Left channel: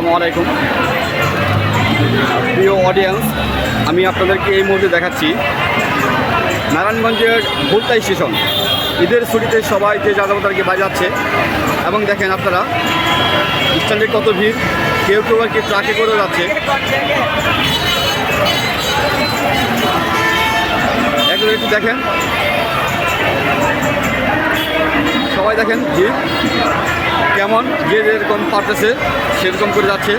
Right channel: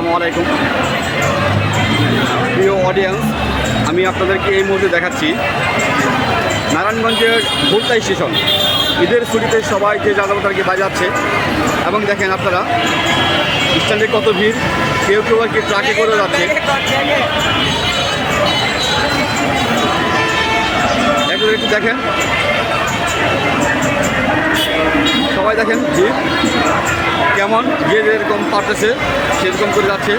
আসসালামু আলাইকুম। প্রিয় অডিয়েন্স আমি আপনাদেরকে এই মুহূর্তে দেখাচ্ছি নারায়ণগঞ্জের ভুলতা স্টেশন। ঈদের ছুটিতে সবাই যে যাত্রাবাতারকে বাজাচ্ছে, এবং দেখেন আপনারা, স্ট্যান্ডে কত ভিড়, কেউ কেউ আর কি ট্রাকে করে যাচ্ছে। একটু দেখেন সবাই দেখেন ভিড়। কেমন যে যেরকম পারতেছে, সেরকম করে যাচ্ছে।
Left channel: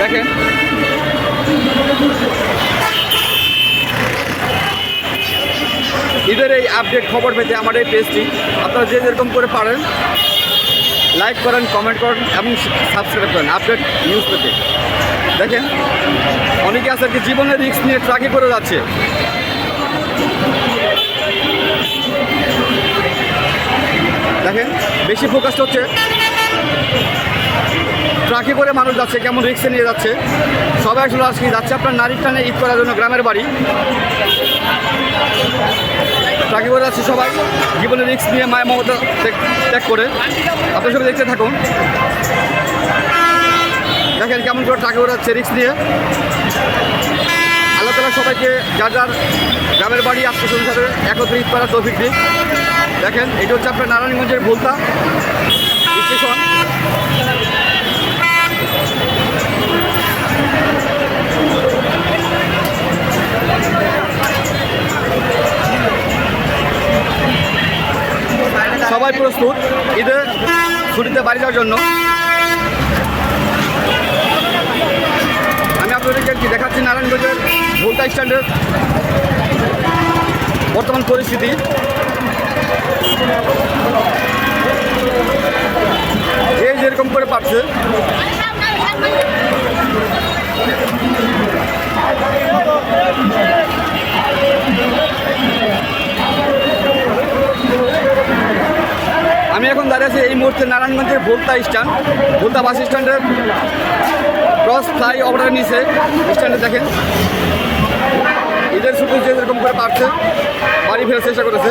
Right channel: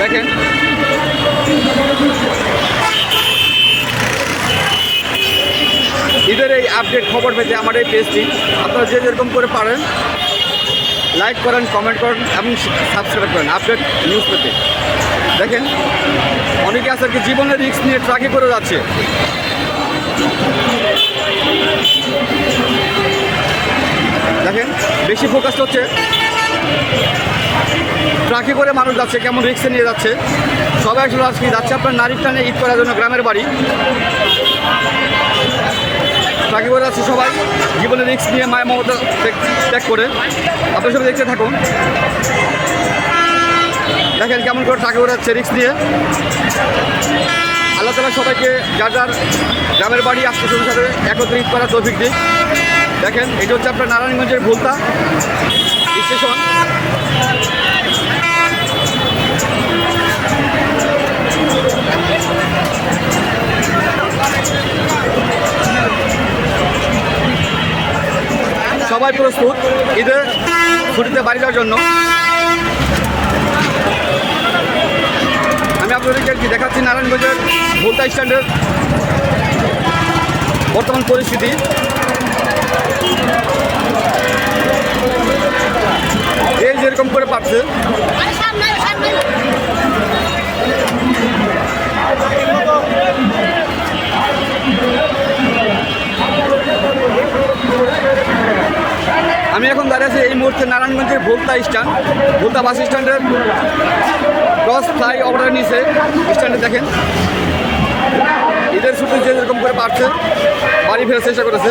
দেখেন। ঈদের এই আপডেট খবর পেতে আমার এই পেজটি আপনারা যে যেরকম করে পারেন লাইক করেন কমেন্ট করেন, এবং সাবস্ক্রাইব করেন আপডেট নিউজ পেতে। দেখেন, অনেকে আছে আর কি জীবনের রিস্ক নিয়ে ট্রাকে করে যাচ্ছে। দেখেন, বেশি ফোকাস হচ্ছে। ট্রাকে করে মানুষ যাচ্ছে, কেমন রিক্সে নিয়ে যাচ্ছে। সবাই আসলে আজকে যাচ্ছে, আপনার নারীর টানে ঈদ করার জন্য গ্রামের বাড়ি। ট্রাকে করে যাচ্ছে সবাই জীবনে রিক্স নিয়ে মায়া মমতা ত্যাগ- করে। আপনার সবাই দেখতে থাকুন। দেখেন কেমন করে ট্রাকে করে যাচ্ছে রিক্স নিয়ে। আল্লাহ তালা সবাইকে যার যার গ্রামের বাড়ি স্বজনের সাথে একত্রিত করার তৌফিক দিক। দেখেন এটা হচ্ছে আপনার নারায়ণগঞ্জের ভুলতা স্টেশন। সবাই প্রস্তুত ঈদে ছুটিতে বাড়ি যাওয়ার জন্য। আমি আপনাদেরকে আর কি দেখাচ্ছি, নারায়ণগঞ্জের ভুলতা স্ট্যান্ডের বর্তমান পরিস্থিতি। যেরকম করে পাচ্ছে। আমি এখন দাঁড়িয়ে আছি এই মুহূর্তে নারায়ণগঞ্জের ভোলতা স্ট্যান্ড। ভোলতা বাস স্ট্যান্ডের ক্রস ফ্লাই ওভারের নিচে স্ট্যান্ডে দেখেন। ঈদের ছুটি যে যেরকম করে পারছে, বাড়ি ফেরার চেষ্টা করেছে।